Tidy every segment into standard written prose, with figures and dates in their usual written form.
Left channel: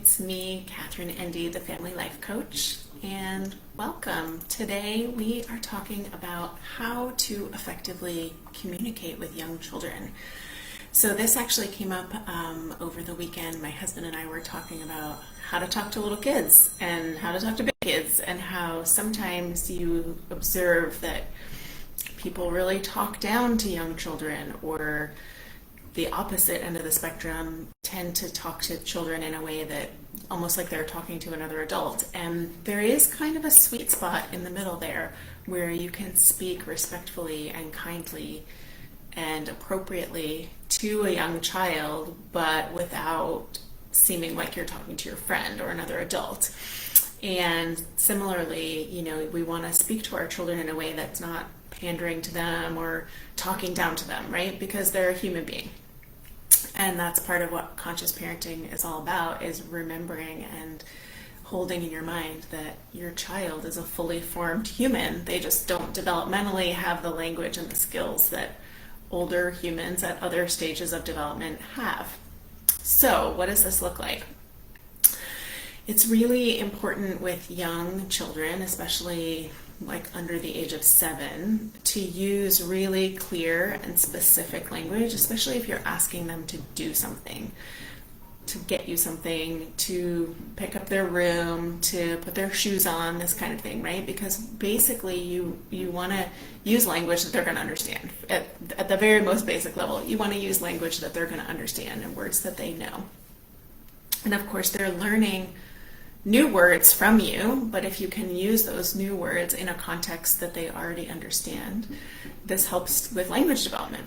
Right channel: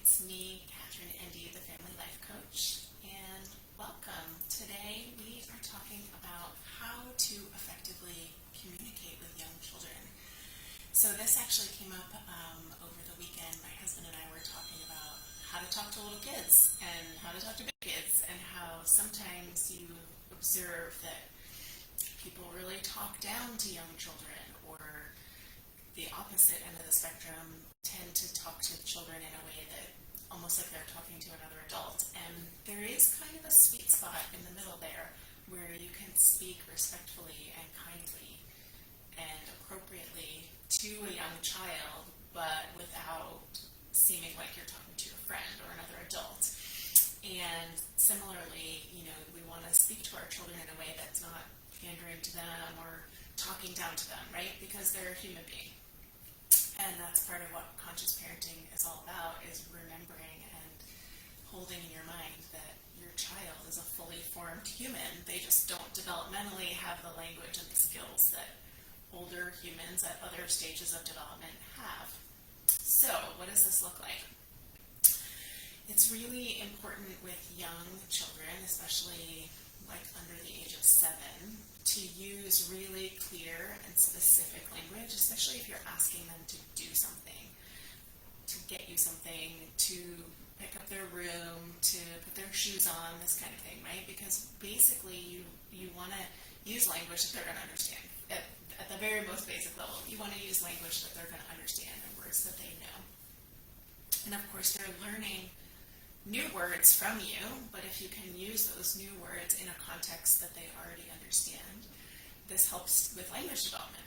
It's me, Catherine Endy, the Family Life Coach, and welcome. Today we are talking about how to effectively communicate with young children. So this actually came up over the weekend. My husband and I were talking about how to talk to little kids and how to talk to big kids, and how sometimes you observe that people really talk down to young children, or the opposite end of the spectrum tend to talk to children in a way that almost like they're talking to another adult. And there is kind of a sweet spot in the middle there where you can speak respectfully and kindly and appropriately to a young child, but without seeming like you're talking to your friend or another adult. And similarly, we want to speak to our children in a way that's not pandering to them or talking down to them, right? Because they're a human being. And that's part of what conscious parenting is all about, is remembering and holding in your mind that your child is a fully formed human. They just don't developmentally have the language and the skills that older humans at other stages of development have. So what does this look like? It's really important with young children, especially like under the age of 7, to use really clear and specific language, especially if you're asking them to do something, to get you something, to pick up their room, to put their shoes on, this kind of thing, right? Because basically you want to use language that they're going to understand. At the very most basic level, you want to use language that they're going to understand and words that they know. And of course, they're learning new words from you, but if you can use those new words in a context that they already understand, this helps with language development.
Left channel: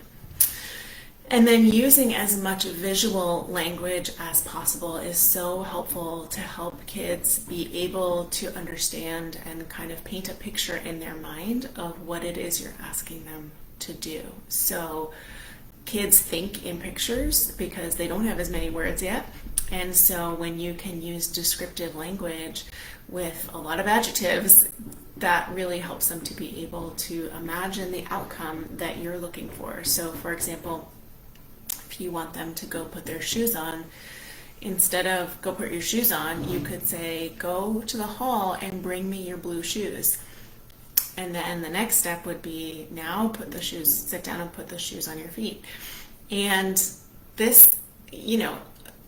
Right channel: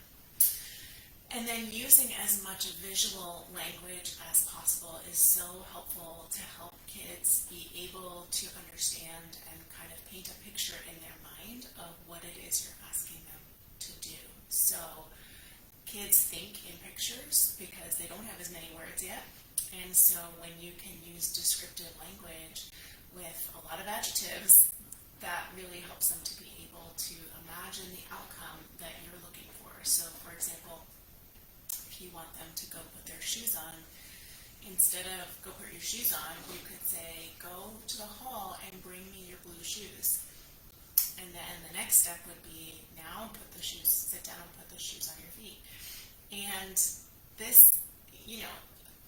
And then using as much visual language as possible is so helpful to help kids be able to understand and kind of paint a picture in their mind of what it is you're asking them to do. So kids think in pictures because they don't have as many words yet. And so when you can use descriptive language with a lot of adjectives, that really helps them to be able to imagine the outcome that you're looking for. So for example, if you want them to go put their shoes on, instead of go put your shoes on, you could say, go to the hall and bring me your blue shoes. And then the next step would be, now sit down and put the shoes on your feet. And this,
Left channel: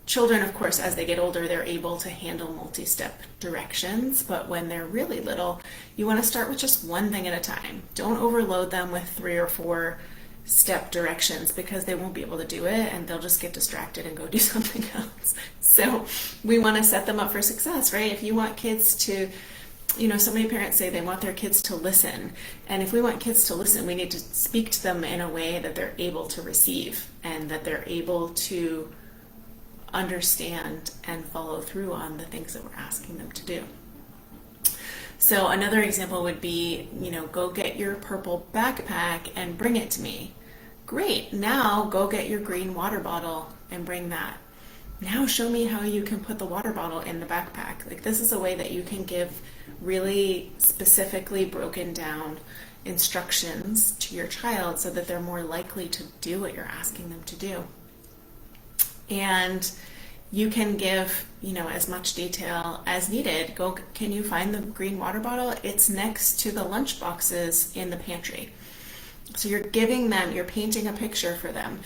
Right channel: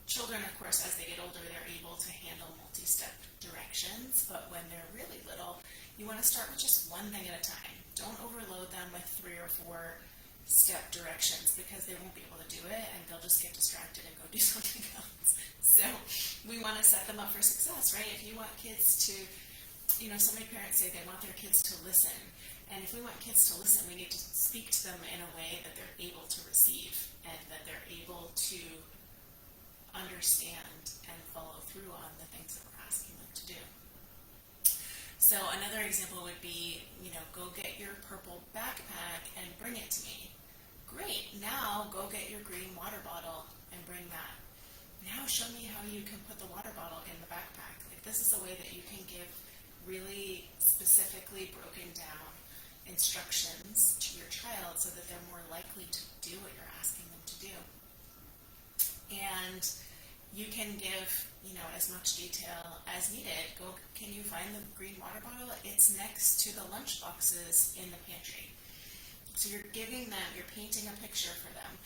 children, of course, as they get older, they're able to handle multi-step directions, but when they're really little, you want to start with just one thing at a time. Don't overload them with 3 or 4 step directions, because they won't be able to do it and they'll just get distracted and go do something else. So we want to set them up for success, right? If you want kids to, so many parents say they want their kids to listen. And if we want kids to listen, we need to speak to them in a way that they're able to receive and that they're able to understand and follow through on the things that we're asking them to do. So another example would be, go get your purple backpack and bring it to me. Great, now go get your green water bottle and bring that. Now show me how you can put the water bottle in the backpack. Like, this is a way that you can give really specifically broken down instructions to your child so that they're more likely to do what you're asking them to do. And you can give, as much detail as needed. Can you find the green water bottle? It's next to the lunch boxes in the pantry. So you're painting a picture for them.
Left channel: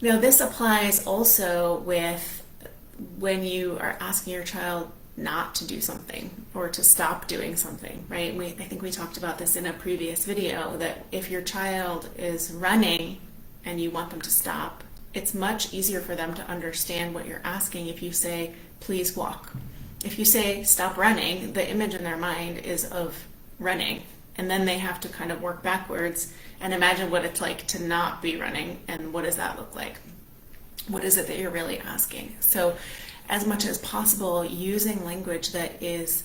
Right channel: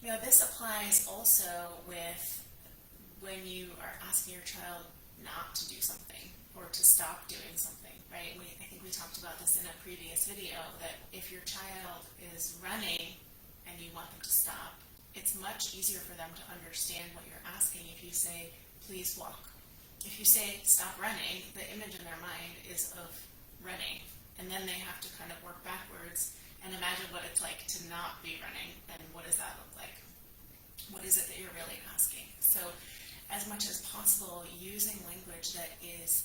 Now, this applies also with when you are asking your child not to do something or to stop doing something, right? I think we talked about this in a previous video, that if your child is running and you want them to stop, it's much easier for them to understand what you're asking if you say, please walk. If you say, stop running, the image in their mind is of running. And then they have to kind of work backwards and imagine what it's like to not be running. And what does that look like? What is it that you're really asking? So as much as possible, using language that is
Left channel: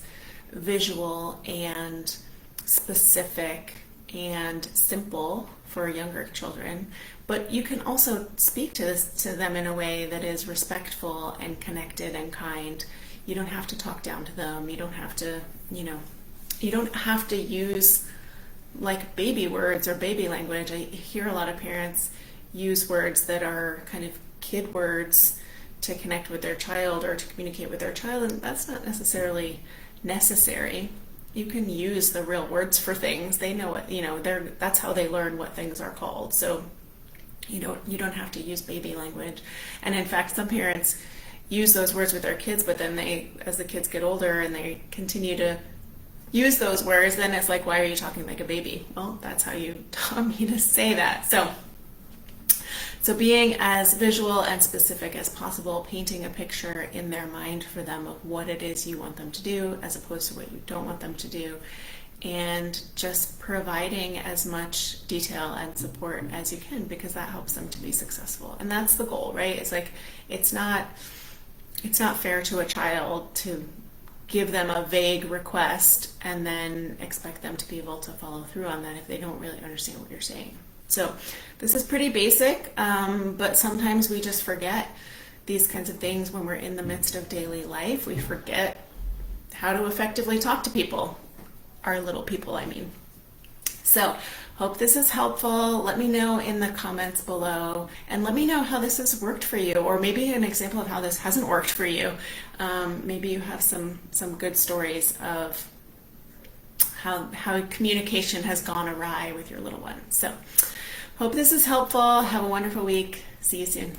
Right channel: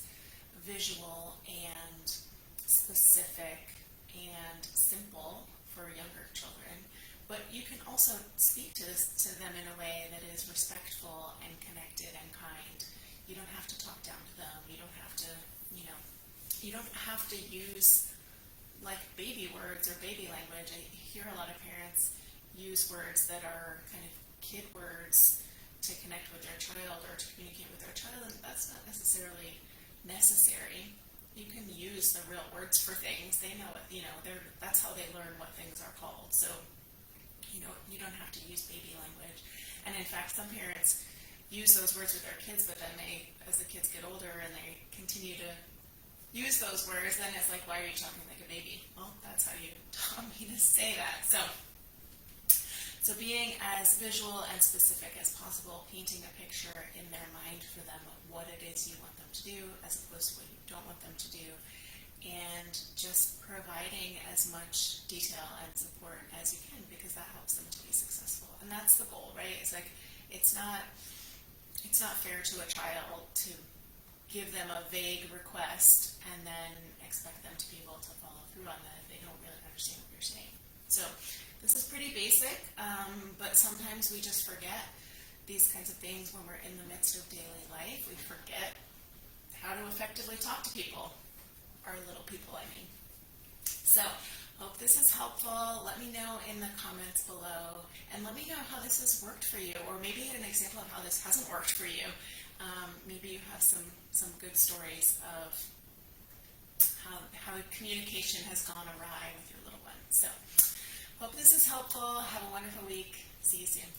visual and specific and simple for younger children. But you can also speak to them in a way that is respectful and connected and kind. You don't have to talk down to them. You don't have to, you don't have to use like baby words or baby language. I hear a lot of parents use words that are kind of kid words to connect with their child or to communicate with their child, and that's not necessarily necessary. You can use the real words for things. They know what, that's how they learn what things are called. So you don't have to use baby language. And in fact, some parents use those words with their kids, but then as the kids get older and they continue to use those words, then it's like, why are you talking like a baby? Well, that's how you taught me to say that. So being as visual and specific as possible, painting a picture in their mind for them of what it is you want them to do as opposed to what you don't want them to do, and just providing as much detail and support as you can, because that helps them to be successful. And that's the goal, right? It's like, it's not fair to a child to give them a vague request and then expect them to be able to follow through on that if they don't really understand what you're saying. So this is pretty basic, but sometimes we just forget these kinds of things when we're in the midst of daily life. We forget how to effectively talk to people, our little people, I mean. So hope this is helpful. Let me know in the comments below, and let me know how this has worked for you, or maybe an example of how this hasn't worked for you. Maybe you have some good stories of how communication has gone awry with your little one. So hope this is helpful. Have a wonderful week. See you soon.